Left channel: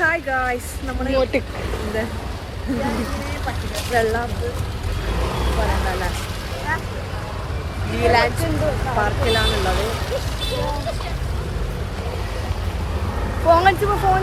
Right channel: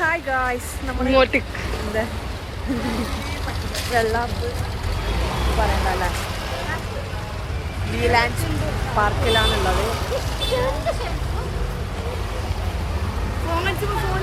Hi guys, നമ്മൾ എന്താ വെള്ളം പറയണ്ടല്ലേ, വീലാൻഡ് പാർക്കിലാണുള്ളത്. ഫോൺ അടിച്ചപ്പോ ഫോൺ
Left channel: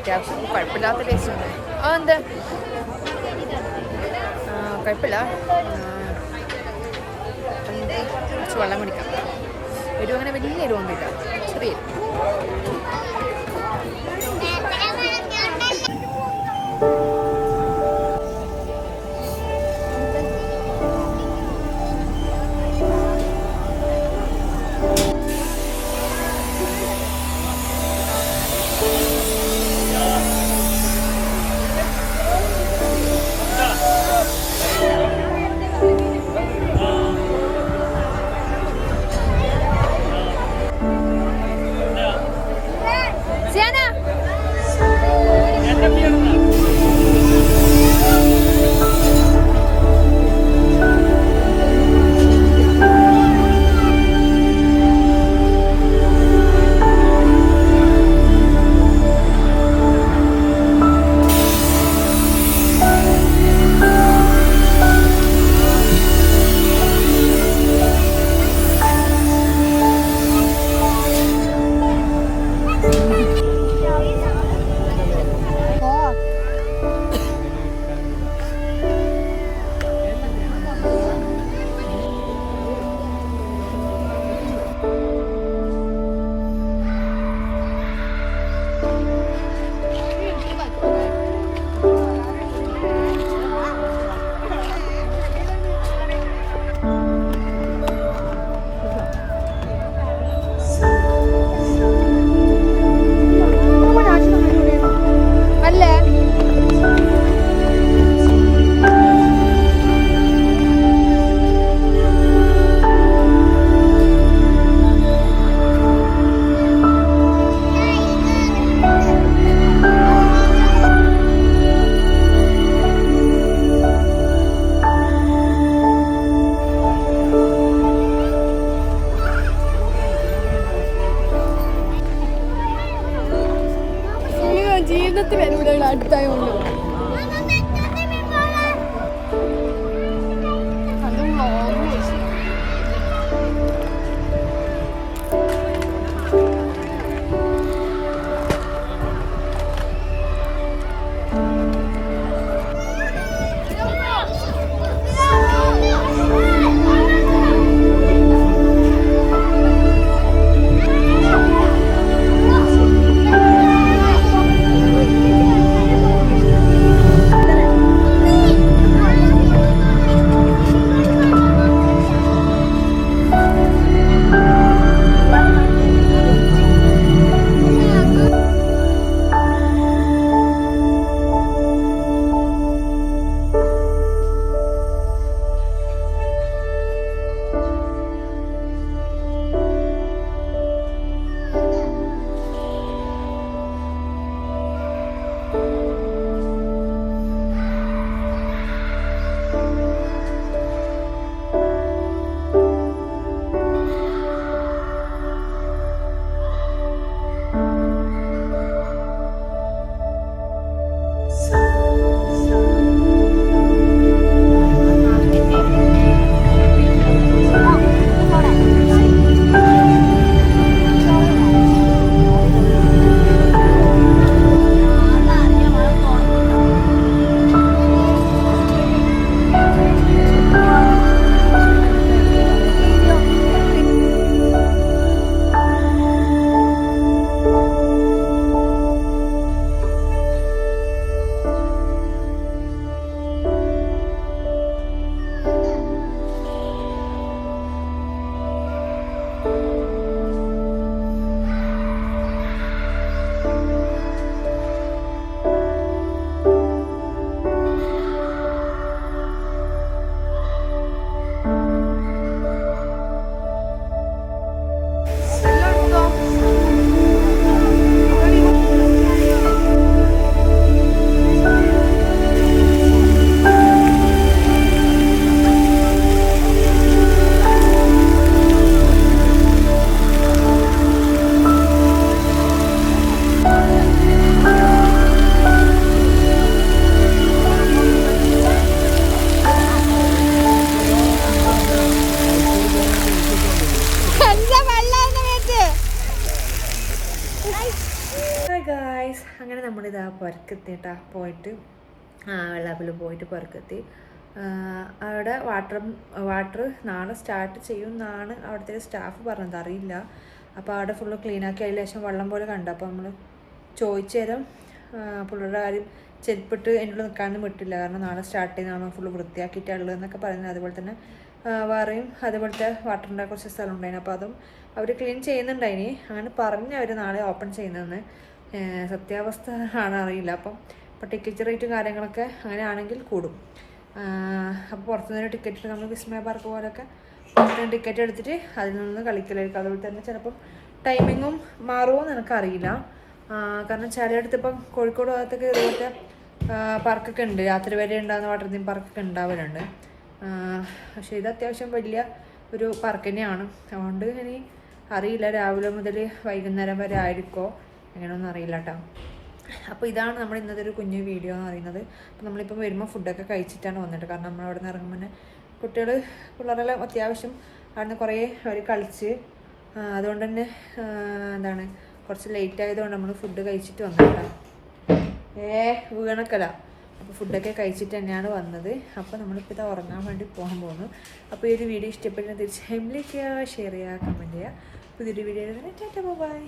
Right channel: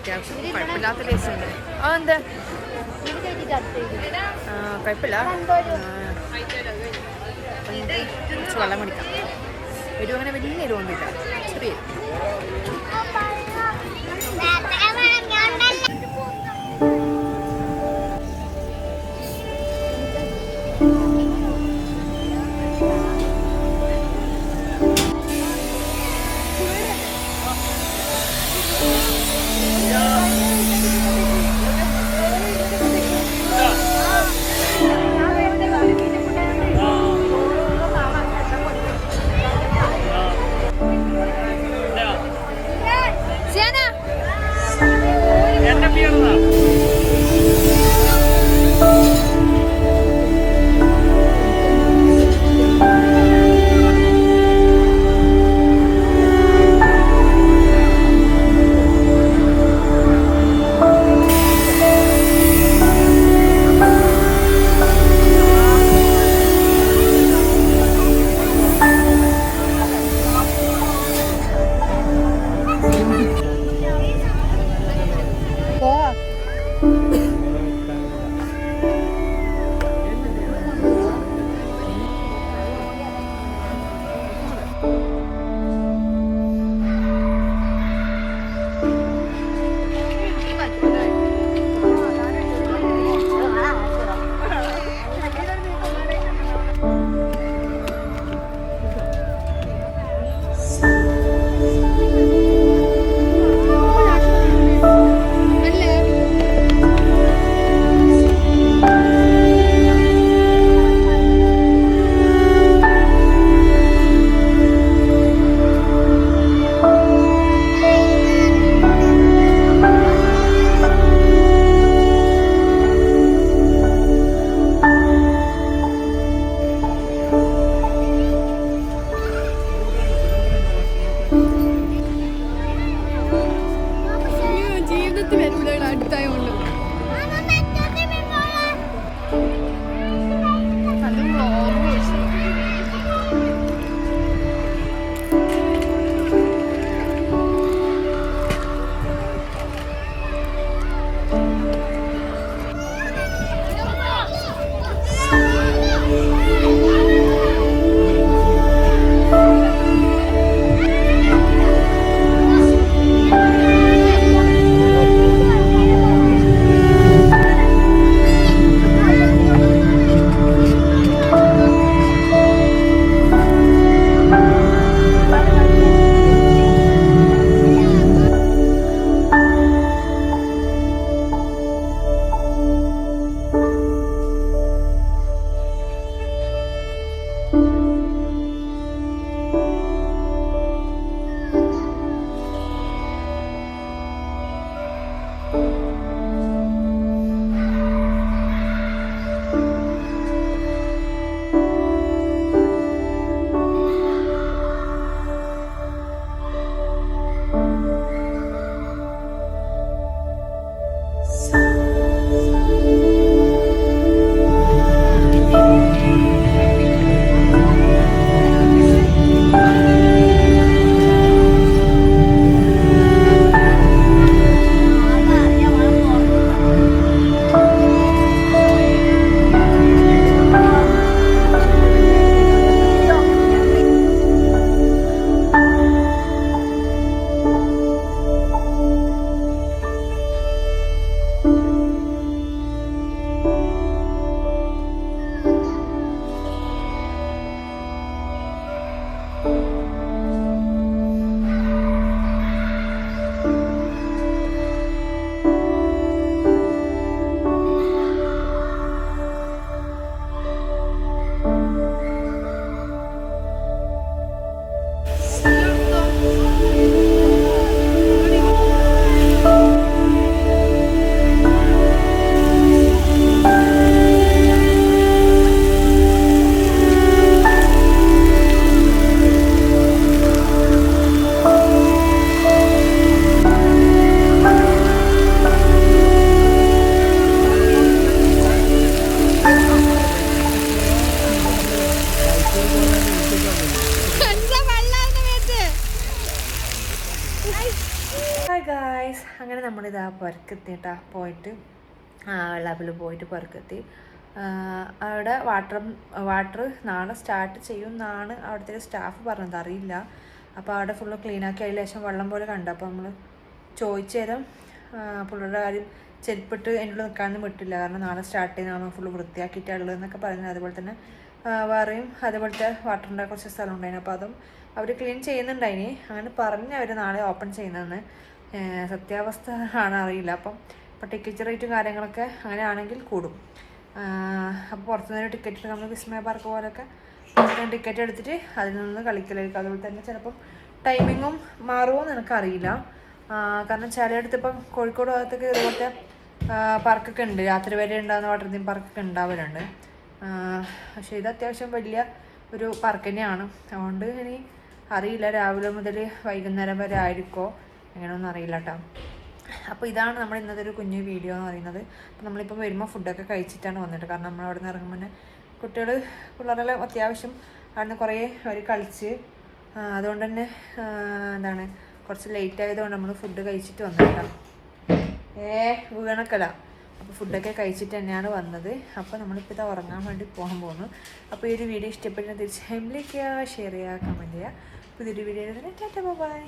അത്യാവശ്യം കുഴപ്പമില്ലാത്ത ടേസ്റ്റ് ഉണ്ട്. എന്താ കുഴപ്പമില്ല. കുറച്ച് വെള്ളം കുടിക്കാം. എരിവ് അങ്ങനെ വലിയ എരിവൊന്നുമില്ല, ചെറിയ ജീവിതത്തിൽ വരുമ്പോൾ അടുത്തായോണ്ട് ഹായ് ഗായ്സ്, അങ്ങനെ നമ്മളിതാ പുറക്കെത്തിട്ടാ പോയിട്ട് വെള്ളാപ്പിൽ പോയിട്ട് പുറക്കെത്തി. അവിടെ വാട്ടർ നാളെ സ്റ്റാർട്ട് ചെയ്യും എന്നാണ് അവിടുത്തെ സ്റ്റാഫ് പറഞ്ഞത്, അറിയില്ല. അപ്പോൾ അവിടെ ഫുള്ള് ക്ലീനാക്കി അതിൽ ശേഷം വെള്ളം പോലെ കണ്ടു. അപ്പോൾ നമ്മൾ ചോദിച്ചു തരാം പുള്ളിയുടെ കാര്യം. ചെരുപ്പിട്ട് എൻ്റെ ഉള്ളിൽ നിൽക്കാനൊന്നും വിട്ടില്ല, കാരണം നാളെ സ്റ്റാർട്ട് ചെയ്യുന്നതാണ് ഫുള്ള് വൃത്തിയാക്കിയിട്ടുള്ളത് എന്നൊക്കെ പറയുന്നത്. അതുപോലെ തന്നെ വേറെയും അതുപോലത്തെ വാട്ടറിൻ്റെ കുറച്ച് സ്ഥലം ഉണ്ടായിരുന്നു, അപ്പോൾ അതും അവർ ക്ലീൻ ചെയ്യുന്നുണ്ടായിനി. അങ്ങനെ പറഞ്ഞ് അവർ നാളെ ഓപ്പൺ ചെയ്യുന്നതെന്ന്. സത്യാവസ്ഥ ആണ് അറിയില്ല. അപ്പോൾ ടിക്കറ്റ് റേറ്റും കാര്യങ്ങളൊക്കെ അങ്ങനെ ആണെങ്കിൽ കൂടും. അപ്പോൾ പുറത്തുനിന്ന് ടിക്കറ്റ് എടുത്ത് നമ്മൾ വിസ്മയ പാർക്ക് പോലൊക്കെ ടിക്കറ്റ് എടുത്തിട്ട് അതിൽ നിന്ന് കളിക്കലായിരിക്കും. അതുപോലെ തന്നെ ചിലപ്പം ടൈമിങ്ങും മാറുമോ എന്ന് എനിക്കറിയില്ല. കാരണം ചിലയിടത്ത് ഇപ്പം കോഴിക്കോട് ഭാഗത്തൊക്കെ ഇതുപോലത്തെ പാർക്കൊക്കെ ഉണ്ട്, രാത്രി വരെ ഉണ്ടാകുന്ന വാട്ടർ തീം പാർക്കൊക്കെ ഉണ്ടാവലുണ്ട്. പക്ഷേ ഇത് അത്യാവശ്യം വലിയ ഒരു പാർക്ക് തന്നെയാണ്. അതുകൊണ്ട് ഇനി അറിയില്ല രാവിലെ മുതൽ വൈകുന്നേരം വരെ ആയിരിക്കുമോ എങ്ങനെയൊന്നും അറിയില്ല കേട്ടോ. അപ്പോൾ ഇതാണ് നമ്മൾ ഇന്നത്തെ ഒരു കുഞ്ഞു വീഡിയോ എന്ന് പറയുന്നത്. അപ്പോൾ നമ്മളിപ്പം വരുമ്പോൾ ഫുഡൊക്കെ കഴിച്ചിട്ടാണ് വന്നിട്ട്, കാരണം നമ്മൾ അവിടെ നിന്ന് ഇറങ്ങുമ്പോൾ തന്നെ പിള്ളേരെല്ലാം അത്യാവശ്യം അവിടെ നിന്ന് കുറേ അവർ കളിച്ച്, അതുകൊണ്ട് തന്നെ എന്താണ് കുറച്ച് ലേറ്റ് ആയതുകൊണ്ട് നമ്മൾ ഫുഡ് കഴിച്ചിട്ട് വന്നിട്ടാ. വീണക്കല. അപ്പോൾ ഫുഡൊക്കെ കഴിച്ചിട്ട് തന്നെയാണ് വന്നത്. അപ്പോൾ നമ്മളിപ്പോൾ ഇത് ഉറങ്ങാൻ വേണ്ടി പോകാൻ പോകുന്നു. അപ്പോൾ ഈ ഒരു വീഡിയോ ഇഷ്ടപ്പെട്ടാൽ തീർച്ചയായും ലൈക്ക് ചെയ്യുക, ഷെയർ ചെയ്യുക, കമൻറ്റ് ചെയ്യുക. പുതിയൊരു വീഡിയോ ടാറ്റാ ബൈ.